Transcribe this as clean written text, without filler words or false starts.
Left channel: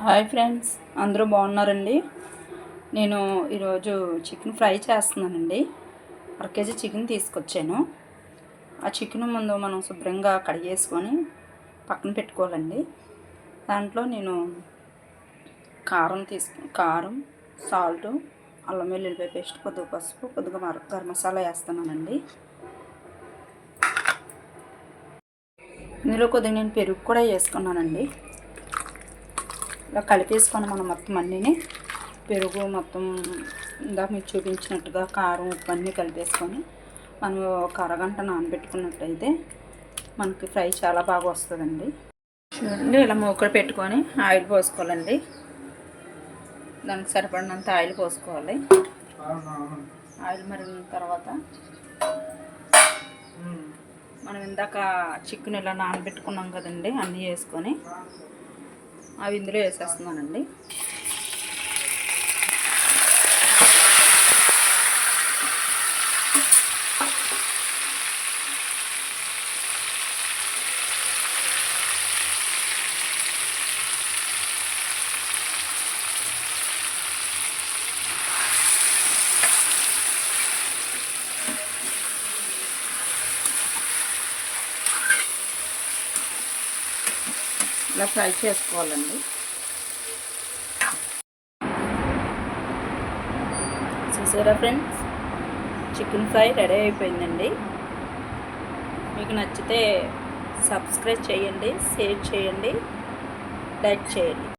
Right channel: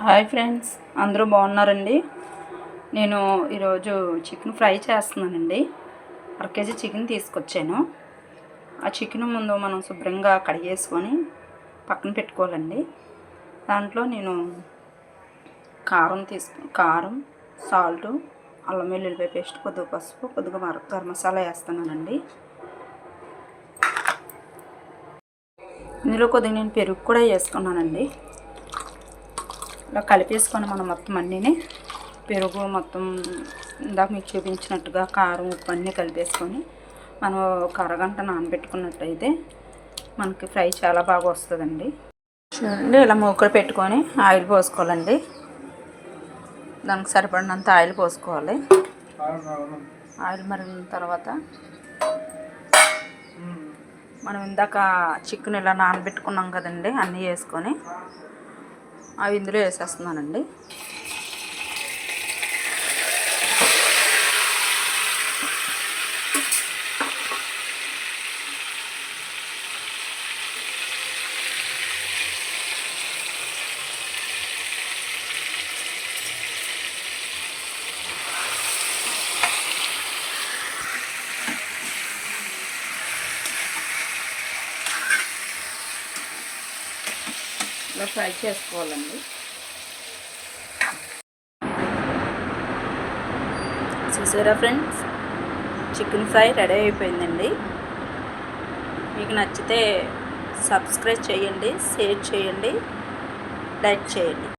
Hi friends, అందరూ బాగున్నారండి. నేను ఈరోజు చికెన్ ఫ్రై చేస్తున్నానండి. 1 కేజీ చికెన్ తీసుకొచ్చాను. ఆ చికెన్ ముందు మనం శుభ్రంగా కడిగేసుకొని పక్కన పెట్టుకోవాలండి. దాంట్లో నేను కారం, సాల్టు, అల్లం వెల్లుల్లిపాయ పేస్ట్, కొద్దిగా పసుపు, కొద్దిగా గరం మసాలా వేస్తున్నానండి. ఇందులో కొద్దిగా నేను పెరుగు కూడా వేసుకున్నానండి. ఇలా కలిపేసుకొని మనం మొత్తం అన్నీని పెరుగు మొత్తం ఇందాక మీకు చూపించినట్టుగా కారం ఉప్పు అన్నీ కలిపేసుకొని మనం ఒక అరగంట నానబెట్టుకున్నట్టయితే మనకి ఫ్రై చాలా బాగా వస్తుందండి. చూడండి, ఇలా మూకుడు పెట్టుకొని ఆయిల్ పోసుకోవాలండి. దానికి సరిపడినంత ఆయిల్ పోసుకోవాలి. ఆయిల్ మరిగిన తర్వాత మనం ఇందాక చికెన్ ఇలా నానబెట్టుకున్నాం కదండి, అన్నీ వేసుకొని అవి ఇందులో వేసేస్తున్నానండి. ఇలా ఫ్రై చేసుకోవాలండి. చూసారా ఫ్రెండ్స్, చికెన్ ఫ్రై రెడీ అయిపోయిందండి. మీకు నచ్చితే సబ్స్క్రైబ్ చేయండి, షేర్ చేయండి, లైక్ చేయండి.